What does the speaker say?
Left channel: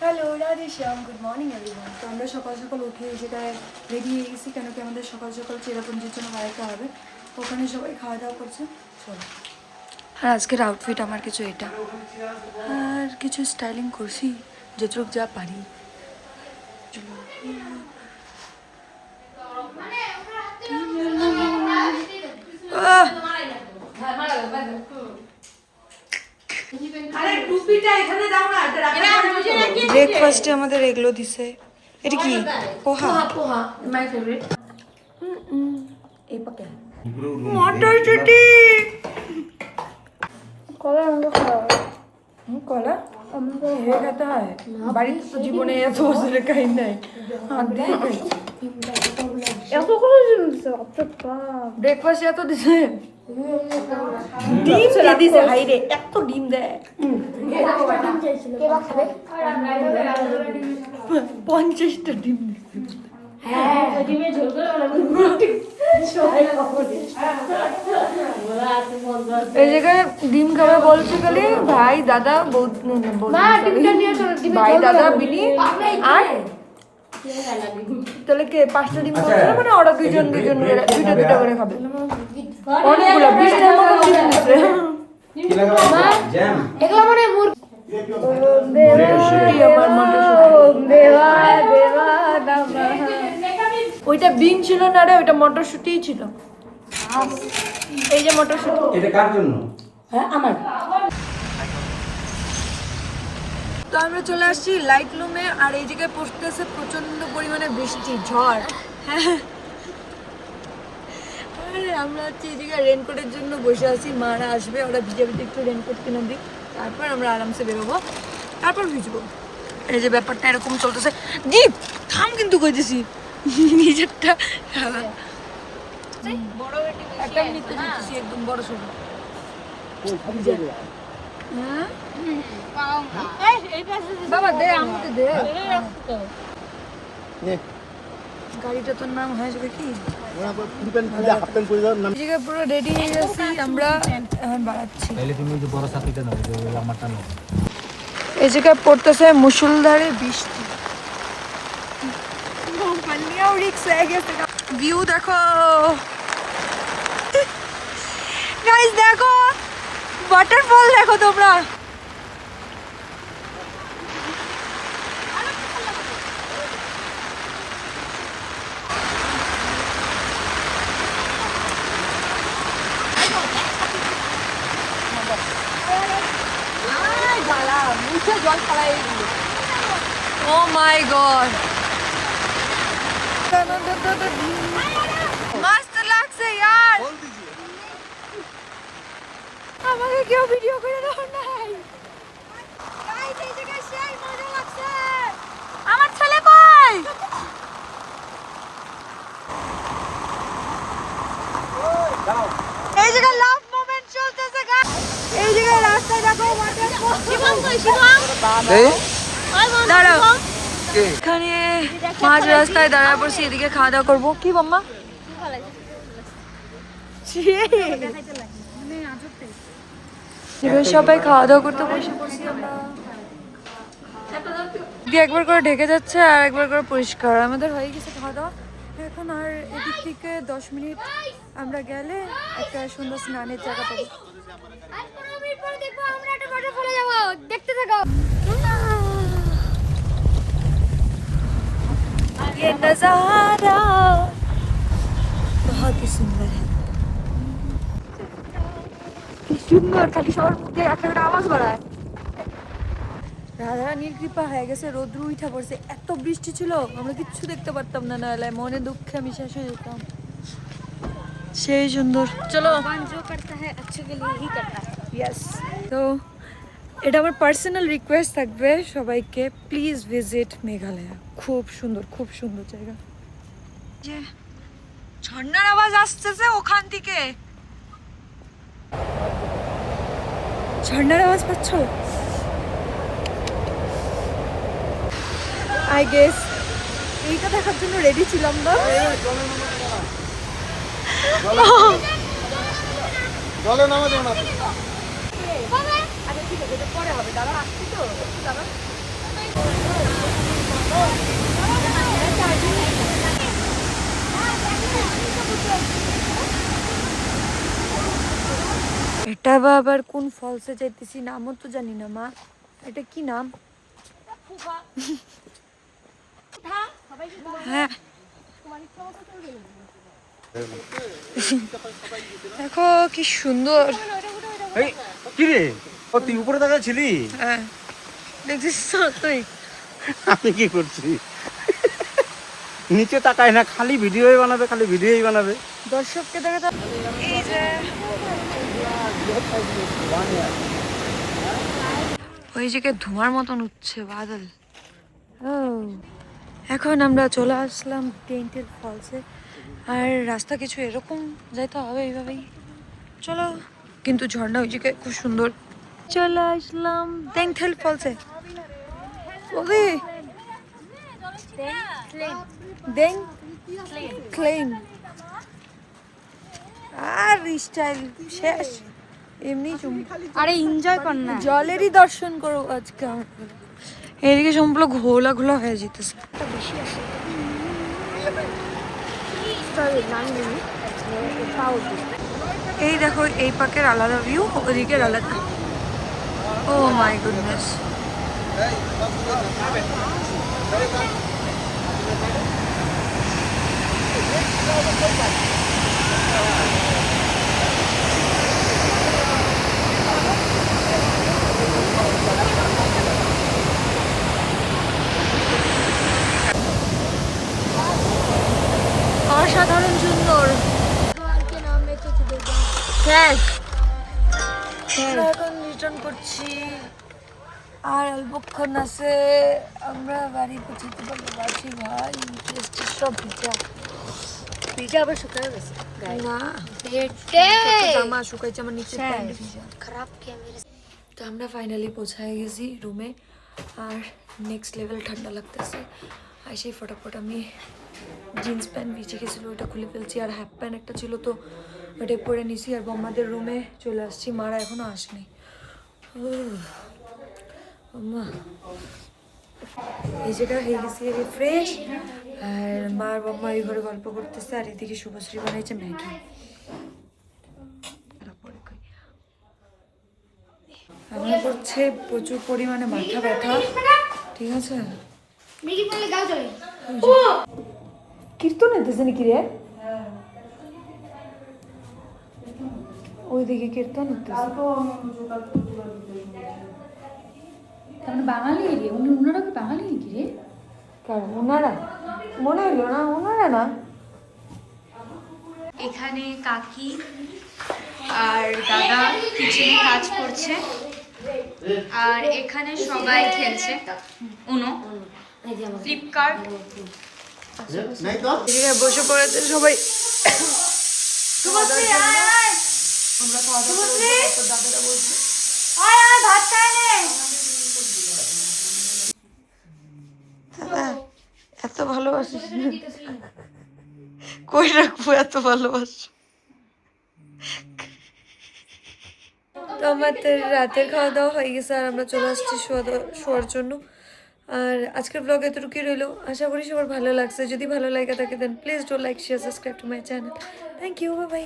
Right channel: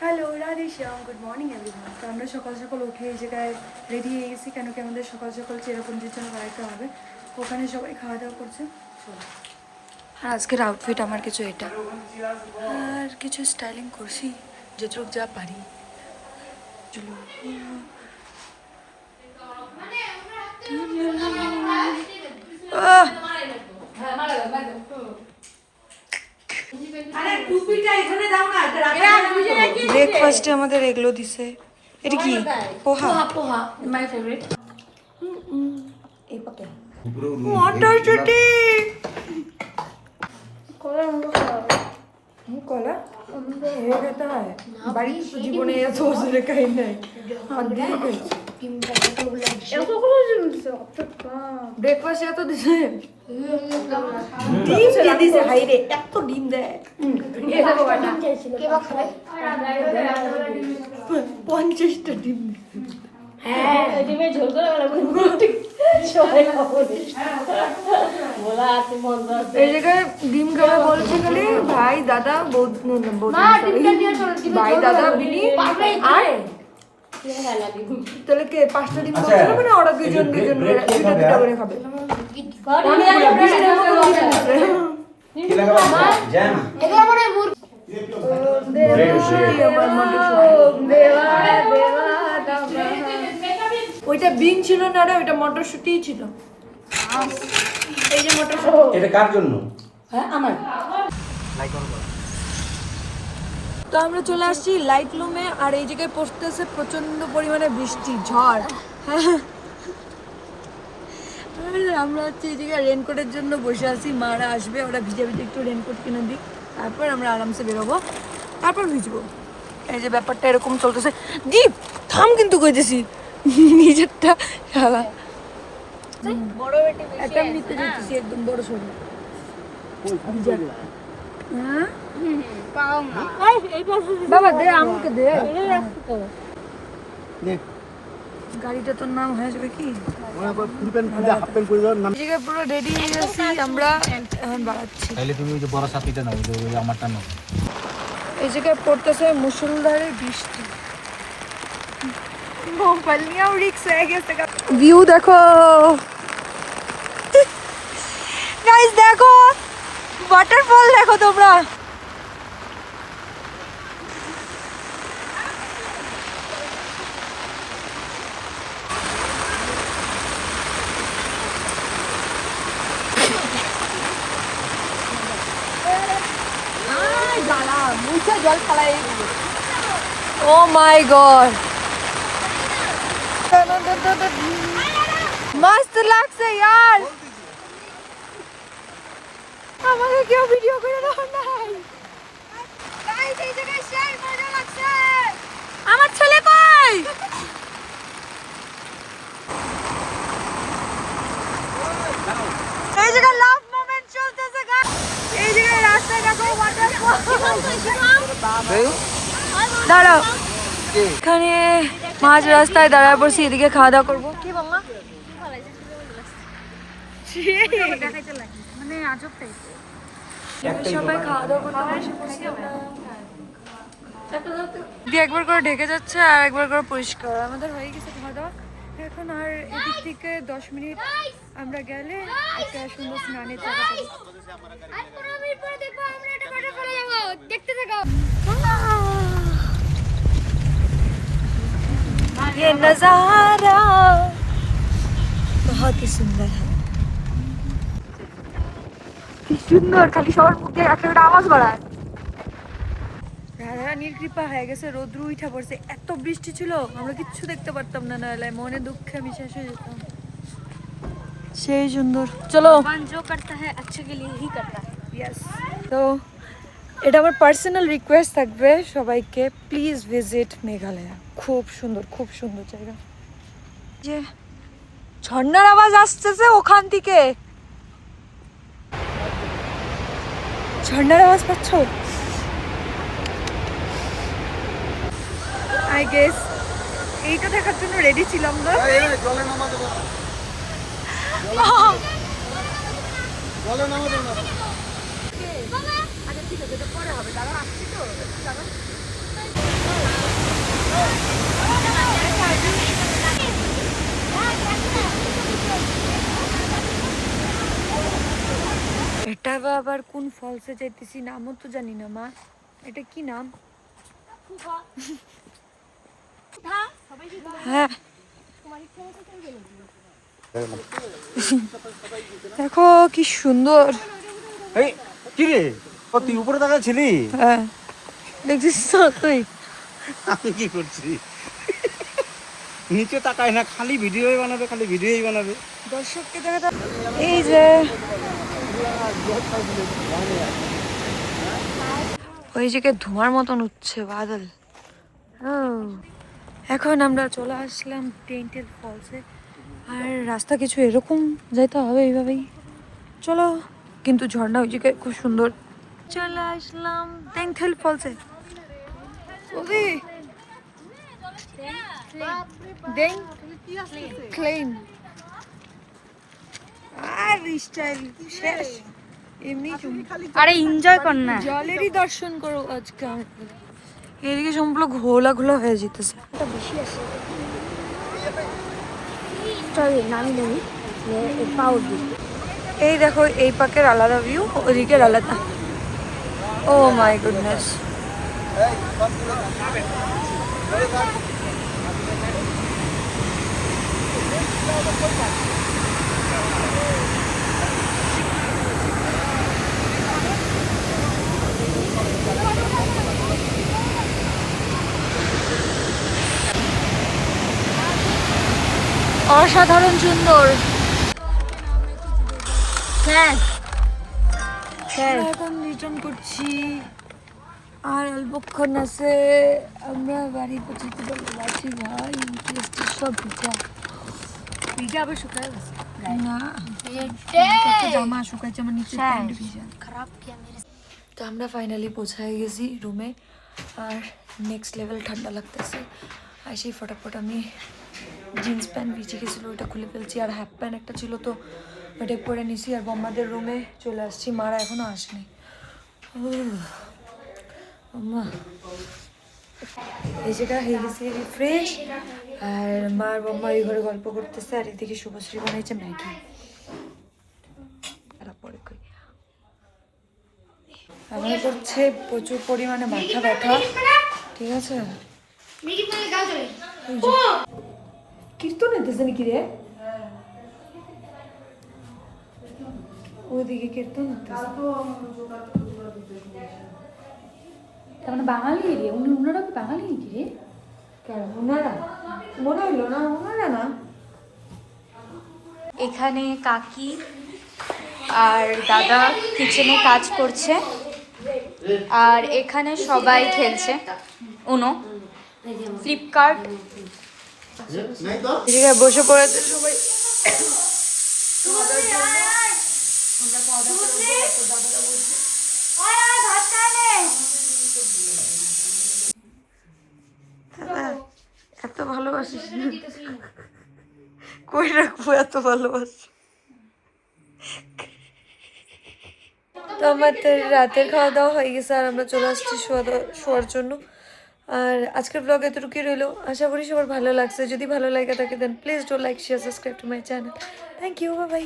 Hello Radhe শ্যাম, good morning everyone. তো আমরা সকাল সকাল উঠে এই জায়গায় রেডি হয়ে গেছি, কেন কি আমাদের সকাল সকাল চেরাপুঞ্জির জন্য বেড়াতে হবে। ওখানে সবাই খাওয়া দাওয়া করছে। চলো। আর আজকের আউটফিট আমার কিছু এটা, আর কিছু স্টাইলিং করছি যতটুকু যা পারি। চলো। ব্রেকফাস্টে আমাদের এগুলো দিছে। এটা কি? পোহা। পোহা মাই ফেভারিট। এই পাকে মটরশুঁটি, কলা কলা হয়ে খেতে হয়। বাড়িতে তো জীবনে এত বছরে খাই নাই, হাত দিয়ে খাইছি। ব্রেকফাস্ট এত দিছে, ডিম দিয়ে দিছে। হাইরে এত ডিম দেয়। 50টা ডিম দিছে। এই জায়গায় ডিম খাবে বলছে খালি ভাই দাদা ভাই দাদা বিনি আর তাহলে কে 5টা ডিম বলছে না, মানে ওরা দুইজন দুইটা করে খাবে। অনেকগুলো 20টার মতো ডিম দিচ্ছে। মটরশুঁটি, আমার মটরশুঁটি। ওইটা বিন ছিল না রে, ওইটা মটরশুঁটিই ছিল। এই যে মটরশুঁটি, এটা কার জন্য? হ্যাঁ আমার। তো আমরা চলে আসছি লাইট লুমে, আর এই জায়গায় পড়তেছে প্রচন্ড পরিমাণে বৃষ্টি, ঝড়। হ্যাঁ, আরে আমরা হচ্ছে এই জায়গায় রেনকোটের জন্য বসে আছি। মারা আসবে, ওরা ভিজে ভিজে একটু রেনকোট কিনে দিই, তারপর আমরা আরামসে বেরোবো, তারপর ভিজবো। এই যে ব্যাপারটা এরকম চলতেছে। দীপ থাম কিন্তু কইতেছি, নিজেরটা একটা নিতে যেতেছি একদম বড় সড়ো। বাবা দে, আমাকে দে। গাড়িটা তোর নাম হয়ে যাবে কি? পুরো রেডি হয়ে গেছি আমরা, এখন বাড়াচ্ছি। এই জায়গায় পড়তেছে মুষলধারে বৃষ্টি। ভিউ দেখো গাইস, দেখো ওয়াটারফল দেখো তোমরা। Oh my god, মস্ত লাগছে यार। আমাকে কেউ ভিডিও করে দাও নাই। গাইস এই জায়গায় সেই মজা লাগছে। আমার ছেলে কই? এই জায়গায় লাভ মোমেন্ট চলতেছে গাইস। এই জায়গায় রাস্তায় দেখো ওয়াটারফল। দাঁড়াও, এখানে মাঝ রাস্তায় দাঁড়ায় পড়ছি, এদিকে খাওয়া দাওয়া করবো। কি মাম্মা? সবাই খাওয়া দাওয়া করতে বসে পড়ছি আমরা। একবার করে ঢেকে যাচ্ছে আর একবার করে পরিষ্কার। আমাদের হয়ে গেছে খাওয়া দাওয়া। এখন আর এদিক থেকে 10 মিনিট আমরা গেলে একটা সুন্দর স্নানের জায়গা পাবো। দেখতে থাকো। ये नजारा बहुत ही सुंदर है। কি সুন্দর, খালি সবার মুখে একটা আওয়াজ বাড়ায়। রাধারানীর কৃপা হয়ে গেছে, রোদ্রু উঠা পড়ছে। এত বৃষ্টি ছিল আমরা কিচ্ছু দেখতে পারতাম না, নাহলে মনে দুঃখে আমি শেষ হয়ে যেতাম। সেই সুন্দর। চলো, जो करता है अच्छे के लिए ही करता है। यस। তো এটা আমার পার্সোনাল রিকোয়েস্ট থাকবে সবাইকে, প্লিজ ভিজিট মেঘালয়। খুব সুন্দর, খুব সুন্দর জায়গা। যে ঝর্ণার আওয়াজ আসতেছে ওখান থেকে, ঝর্ণার আওয়াজ পাচ্ছ? আই গেস এইটা দেখার জন্য রেডি ছিলাম না। আবার কোন ফলসে যাইতেছি, নামও তো জানি না মা। এটা কি নাম? হ্যাঁ দেখো কি সুন্দর। কি রে, তুই উপরে তাকাচ্ছিলি? হ্যাঁ দেখছিস তো তুই? আমি কি করছি? নিচে তাকায় না, খালি ভিডিওই বানাবে, খালি ভিডিওই বানাবে। দর্শককে দেখা। এই যে ওই জায়গায় ধোঁয়ার মতন উঠছে বাদল। ও এখন আমরা চলে আসলাম টেন্টেল ফলসে। আর রাস্তা কিছু এরকম যেতে হবে এইভাবেই। চলো, কিন্তু ঝর্ণা ওই জায়গায় খুব সুন্দর। চলে আসলাম টেন্টেল ফলসে। ওকে দেন ক্লেম আর স্টাইল শেষ। এমনি আরে এনজয় কর না। জলেরই দর্শন করো আজকে। এদিকে সম্পূর্ণ ঘোলা ঘোলা হয়ে যেতেছে। এই দেখো এই পাকের আলাদা ভিউ, ওদিকের আলাদা। ও মাই গুডনেস। অসাধারণ সুন্দর। আমরা এখন রিটার্ন করছি, আর অল্পক্ষণ আছে আমরা বাড়ি পৌঁছাতে পারছি। ভাই সব ভিজা আবার শুকায় গেছে না, জামা শুকাইছে আমার, নিচে প্যান্ট ভিজা। তো আমরা ফাইনালি পৌঁছায় গেছি রুমে, আর নেক্সট লেভেল ঠান্ডা লাগতেছে। আর সেই ফটাফট আমি জিন্স প্যান্ট ভিজে গেছিলো ওইটা খুলে ফেলছি, আর হাফ প্যান্ট একটা ছিল তো ওইটাই পরে নিছি। আর বম্মাদের রুমে চলে আসছি, মারা এখনো আসেনি। এই জায়গা হয়ে গেছে ফ্রেশ, আর মার বম্মা ওই ঘরে গল্প করতেছে, আর এদিকে শুভশ্রী বানাইছে ম্যাগি। আমার করছে প্রচুর পরিমাণে মাথা ব্যথা, ঠিক আছে? কীর্তন হইতেছে নাকি রে? ওইদিকে কীর্তন হইতেছে, তার মানে বাঙালি এরিয়া। ওনারা কি বাঙালি নাকি রে? কারণ ওনারা মনে হইল না, ওনারা না। এখানে কাকি আর দাদা কিচেনে কাজ করছে, আর এখানে সবাই খেলছে উনো, ফ্লিপকার্ট। বসে পড়েছে সবাই খাওয়া দাওয়ার জন্য। আমরা খাওয়া দাওয়া করে উঠবো, তারপর দাদারা বলছে এত ভালোবাসিস না, কই রাখবো এত ভালোবাসো। তো আমাদের রাতের খাওয়া দাওয়া হয়ে গেছে, আর আমরা চলে আসছি শোয়ার জন্য। আর আজকের ব্লগ এতটুকুই রইলো, আশা করি সবার ভালো লাগছে। যদি ভালো লাগে থাকে then please do like, share, subscribe to my channel. Thank you, bye by.